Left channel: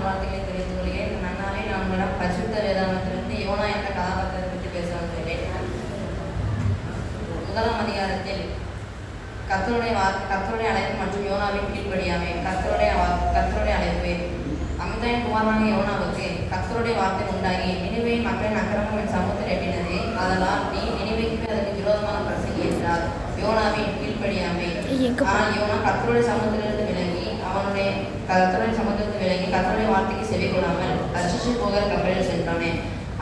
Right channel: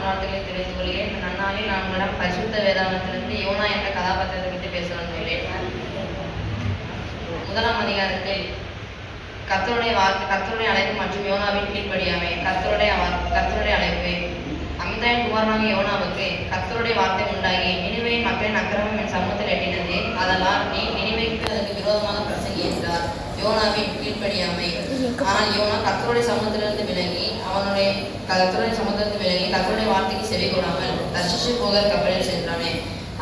நல்வாழ்த்துக்களை தெரிவித்துக் கொள்கிறேன். நன்னாவே நான் உங்களிடம் பரிசுத்த வேதாகமத்திலிருந்து யோனா என்ற கதாபாத்திரத்தை பற்றி பேச வந்துள்ளேன். முதலாம் அதிகாரத்தில் கர்த்தருடைய அழைப்பு மற்றும் யோனாவின் கீழ்ப்படியாமை. கர்த்தருடைய அழைப்பு. அமிதாயின் குமாரனாகிய யோனாவுக்கு கர்த்தருடைய வார்த்தை உண்டாகி, நினிவேயின் மக்களின் அக்கிரமம் என் சமூகத்தில் எட்டினது, அதனால் நீ நினிவேக்கு அதற்கு விரோதமாக பிரசங்கி என்றார். யோனாவின் கீழ்ப்படியாமை. ஆனால் யோனா கர்த்தருடைய சமூகத்திலிருந்து விலகி கர்த்தருடைய வார்த்தைக்கு செவி கொள்ளாமல் தர்ஷீஷு போகிற கப்பலில் சென்றானே.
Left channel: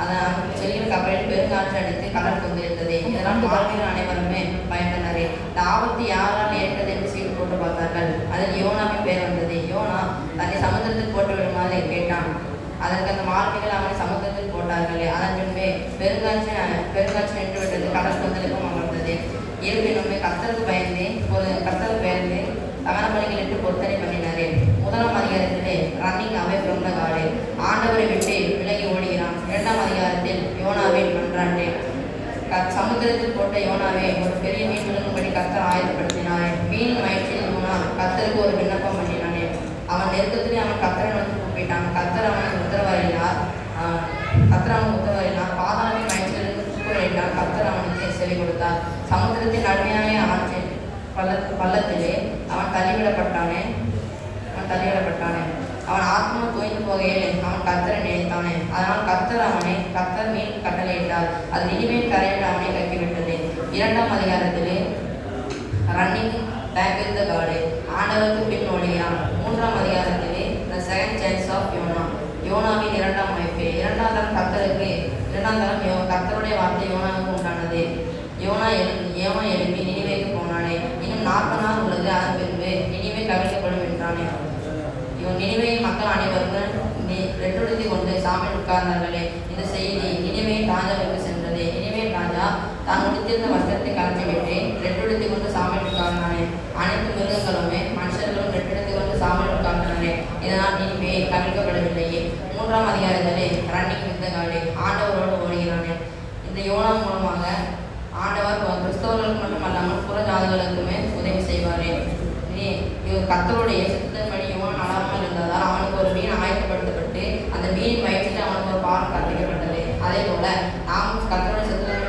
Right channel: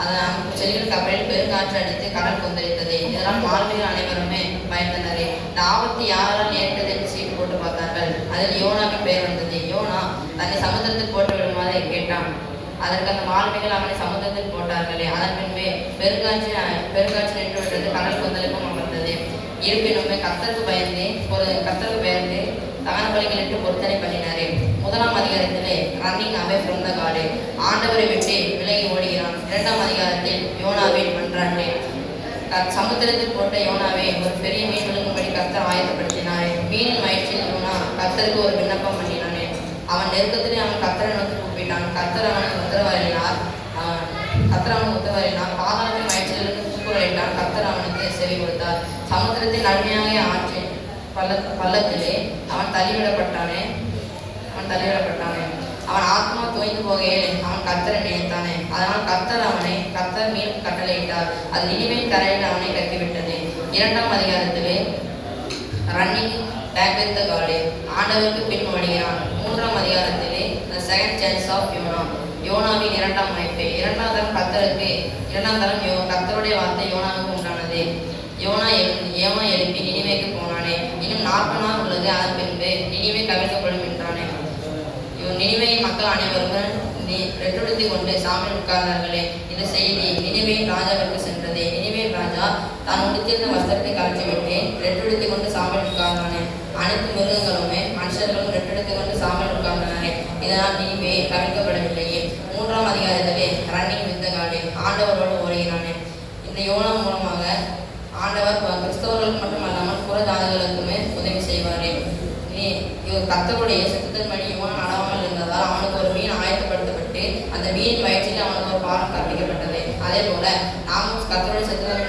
அதன் செல்கிற கப்பலில் பெருங்காற்று அடித்து கடல் கொந்தளித்தது. இதனால் மாலுமிகள் அனைவருமே பயந்தனரே. இந்த ஆபத்து யாரால் நேரிட்டது என்று சீட்டு போட்டு பார்த்தார்கள். அதில் யோனாவின் பெயர் வந்தது. யோனா தன்னை சமுத்திரத்தில் போட்டு விடுமாறு கேட்டான். அதற்கு அந்த மாலுமிகள் அவனை சமுத்திரத்தில் போட்டார்களே. அதன் பின்பே பெருங்காற்று நின்று விட்டது, கடல் கொந்தளிப்பும் அமர்ந்தது. இருப்பினுமே கர்த்தருக்கு பயந்து தகன பலிகளிட்டு பொருத்தனை பண்ணினாரே. முதலாம் அதிகாரத்திலே running away from the god, ஆண்டவரை விட்டு விலகி ஓடுகிறான். இரண்டாம் அதிகாரத்தில் யோனாவின் மன்றாட்டு. சமுத்திரத்தில் போட்ட யோனாவை ஒரு பெரிய மீன் விழுங்கும்படி கர்த்தர் ஆயத்தப்படுத்தினார். மீனின் வயிற்றில் யோனா கர்த்தருக்கு ஒரு விண்ணப்பம் பண்ணினானே. அவன் நெருக்கத்திலே அவன் கர்த்தரை நோக்கி கூப்பிட்டான். கர்த்தர் அவனுக்கு உத்தரவாறினார். பாதாளத்தின் வயிற்றிலிருந்து கூக்குரலிட்டான். கர்த்தர் அவனுக்கு செவி கொடுத்தார். சமுத்திரத்தின் நன்மையாக ஆற்றின் பள்ளத்திலே அவன் தள்ளிவிடப்பட்டானே. அவன் ஆத்மா தோய்ந்து போகையில் அவன் கர்த்தரை நினைத்தானே. அதனால் கர்த்தர் மீன் கட்டளையிட்டார். அது நினிவேயின் கரையில் அவனை கக்கிவிட்டது. இரண்டாம் அதிகாரத்திலே running back with the god, ஆண்டவருக்கு பின் ஓடுகிறான். மூன்றாம் அதிகாரத்திலே த செகண்ட் சான்ஸ் ஆஃப் யோனாவின் இரண்டாம் அமைப்பு. இரண்டாம் தரம் கர்த்தருடைய வார்த்தை யோனாவுக்கு உண்டானது. யோனா எழுப்பி நினிவேக்கு போனானே. இன்னும் 40 நாள் உள்ளது, அதன் பின்பு நினிவே கவிழ்க்கப்படும் என்றானே. நினிவேயின் மக்கள் அனைவரும் ரெட்டுடுத்தி கொண்டு சாமியில் உட்கார்ந்தார்களே. இந்த செய்தி நினிவேயின் ராஜாவிற்கு சென்றது. நினிவேயின் ராஜா தான் உடுத்திருந்த வஸ்திரத்தை கலற்றிவிட்டு ரெட்டுடுத்தி கொண்டு சாமியில் உட்கார்ந்தானே. அனைத்து மிருகங்களுமே மனுஷர்களும் ரெட்டெடுத்து கொண்டு சாமியில் உட்கார்ந்தானே. இதனால் நினிவே கவிழ்க்கப்படவில்லையே. மூன்றாம் அதிகாரத்திலே ரன்னிங் வித் த காட், ஆண்டவரோடு ஓடுகிறானே. இந்த யோனா மூலமாக ஆண்டவர் கிறிஸ்தவர்களுக்கு மட்டுமல்லாமல் புற ஜாதிகளுக்குமே உதவி செய்வாரே. கர்த்தருடைய சித்தத்தின்படி யோனா நடாமல் இருந்ததால் அவனுக்கு ஒரு மீன் ஆயத்தப்படுத்தப்பட்டு அந்த மீன் வயிற்றில் அவனுக்கு ஒரு பாலம் கற்பிக்கப்பட்டது. அதே போல நாமும் கர்த்தருடைய சித்தத்தின்படி